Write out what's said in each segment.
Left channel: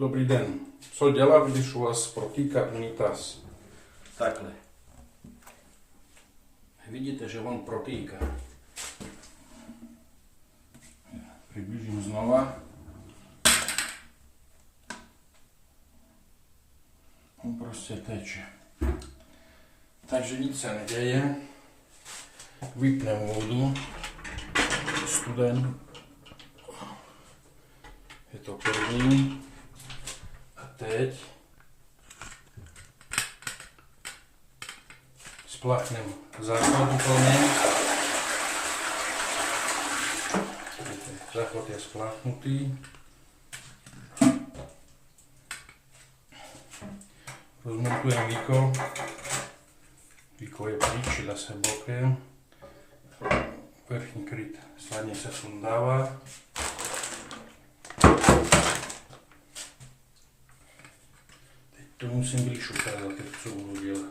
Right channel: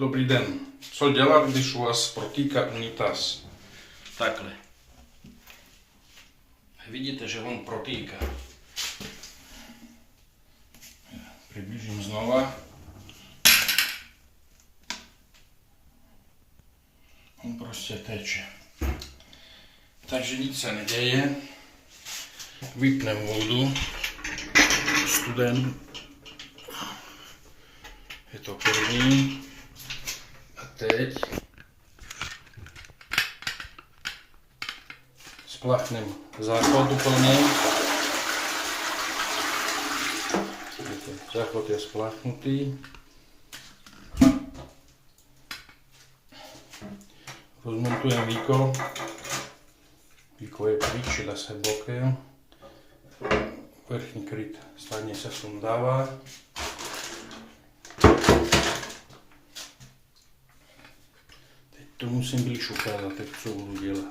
Dobrý den. Co dělat, když u vás protéká unitaz? Takhle. Vidíte, že on protéká. Přiblížím znova. On prostě teče. Takže nic se neděje. Vypneme vodu. Studenou. Je to první. A teď spláchneme záchod úplně. Záchod je spláchnutý. Rozmontujeme víko. Víko je pryč, dá se bokem. Vrchní kryt snadně se sundává. Teď to musím blíž ukázat, jak co budu dělat.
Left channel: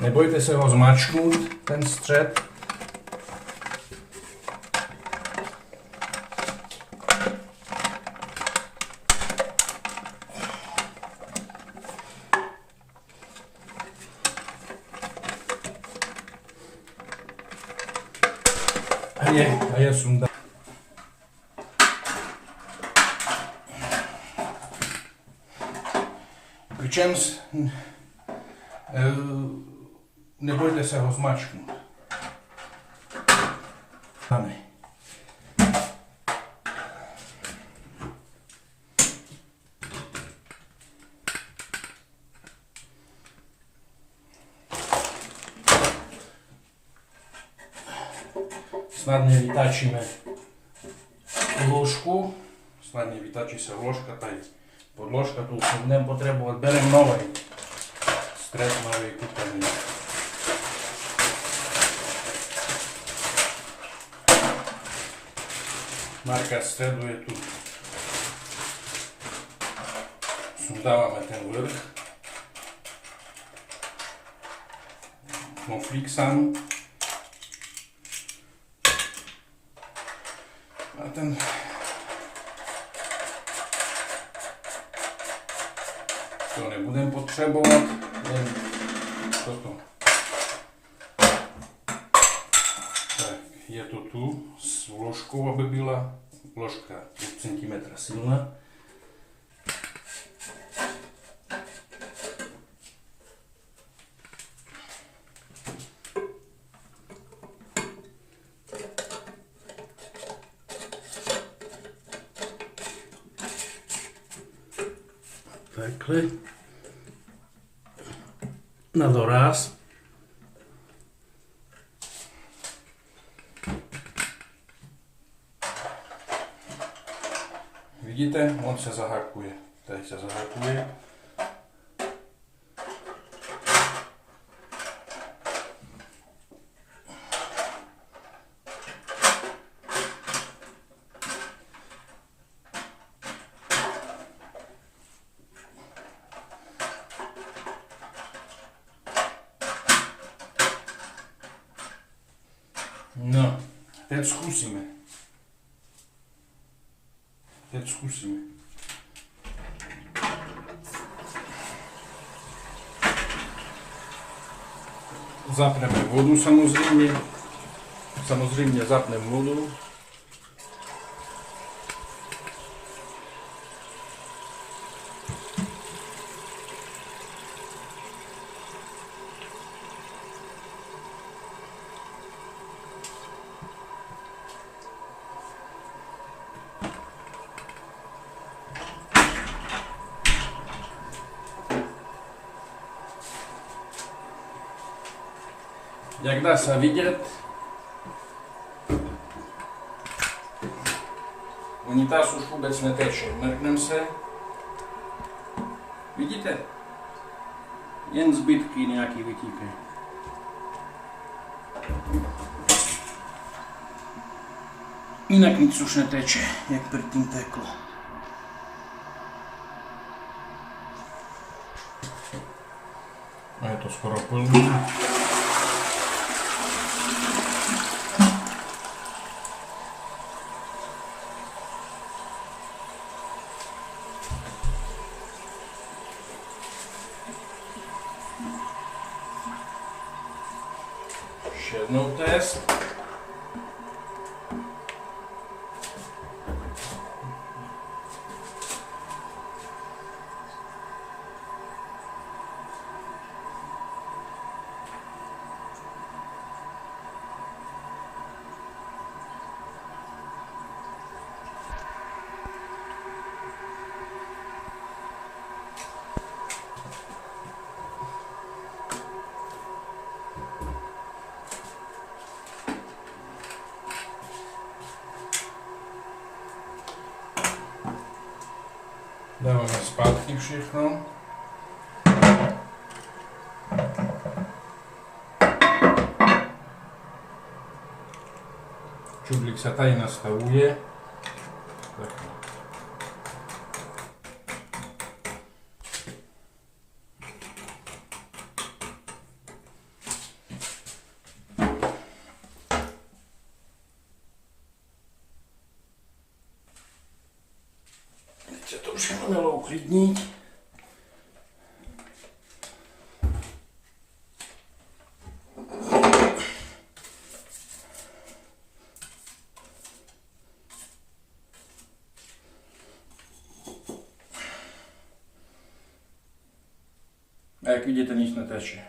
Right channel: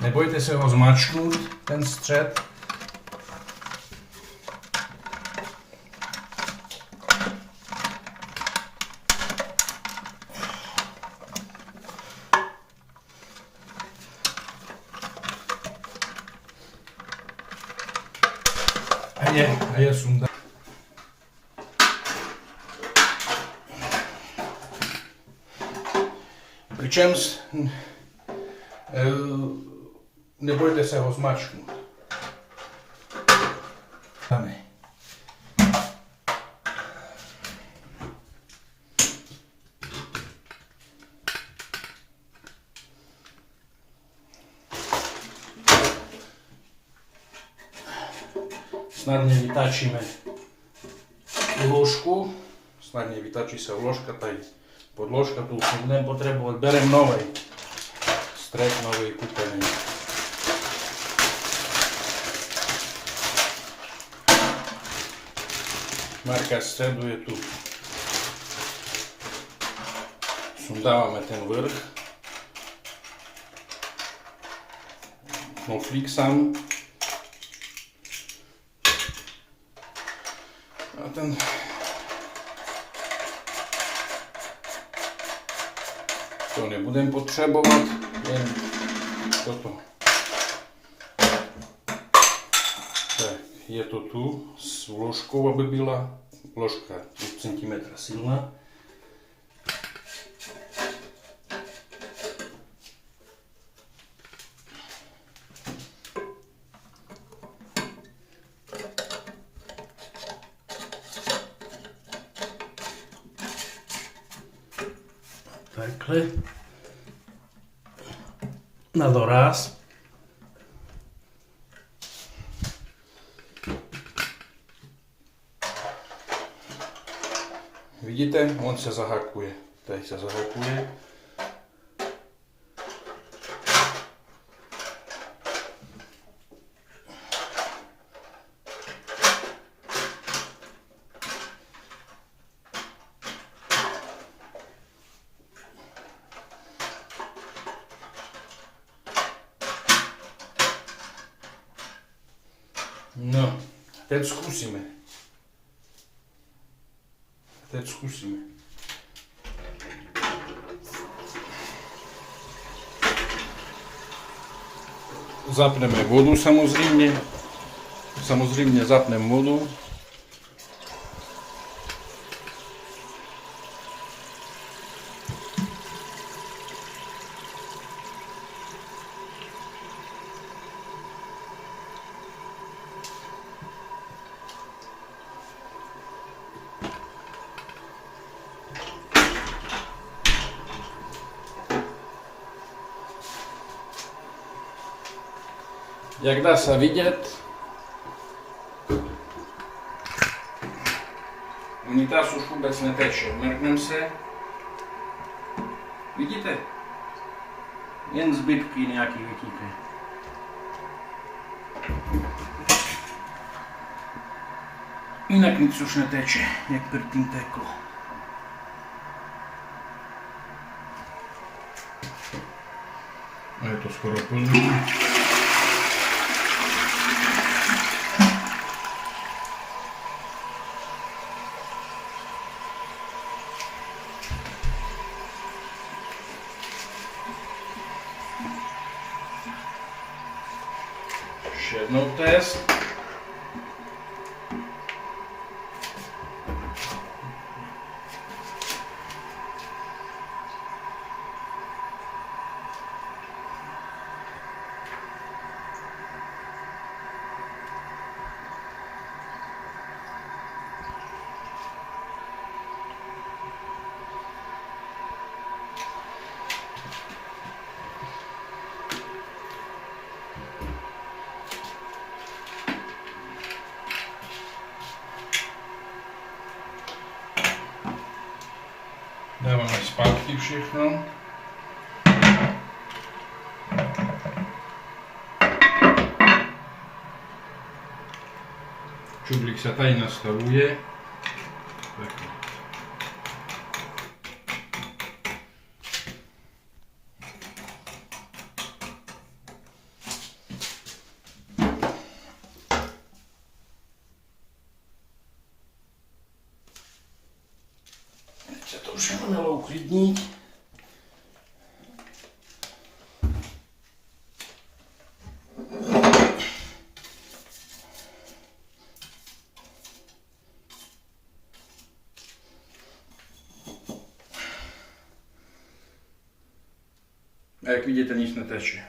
Nebojte se ho zmáčknout, ten střed. A je sunda. Přičemž nebojte se ho zmáčknout. Ne. Snadně vytáčíme vložku. Snadně vytáčí se vložka, tady podložka, tu už nebudeme potřebovat. Bereme nový střed, nový kupený. Marka středu je tu. Sundáváme ten vrch. Knoflík sám. A ten to nebudeme potřebovat, jen toto. Tak, je to tu s vložkou, aby byla vložka 5 cm silná. Takhle na doraz. Vidíte, on se zahakuje. Tady se zahakuje. No, teď zkusíme. Zapneme vodu samozřejmě. Samozřejmě zapneme vodu. Jak dá se vidět, unitaz už vůbec neteče. Mrkneme se. Vidíte? Jen zbytky nějaký vytíkají. Jinak nic už neteče, jak předtím teklo. A je to skoro plný. Ještě jednou test. Dáváme zpátky všechno. Čudlík se tady nastavuje. Takhle. Teď se to už mělo uklidnit. A jak vidíte, nic neteče.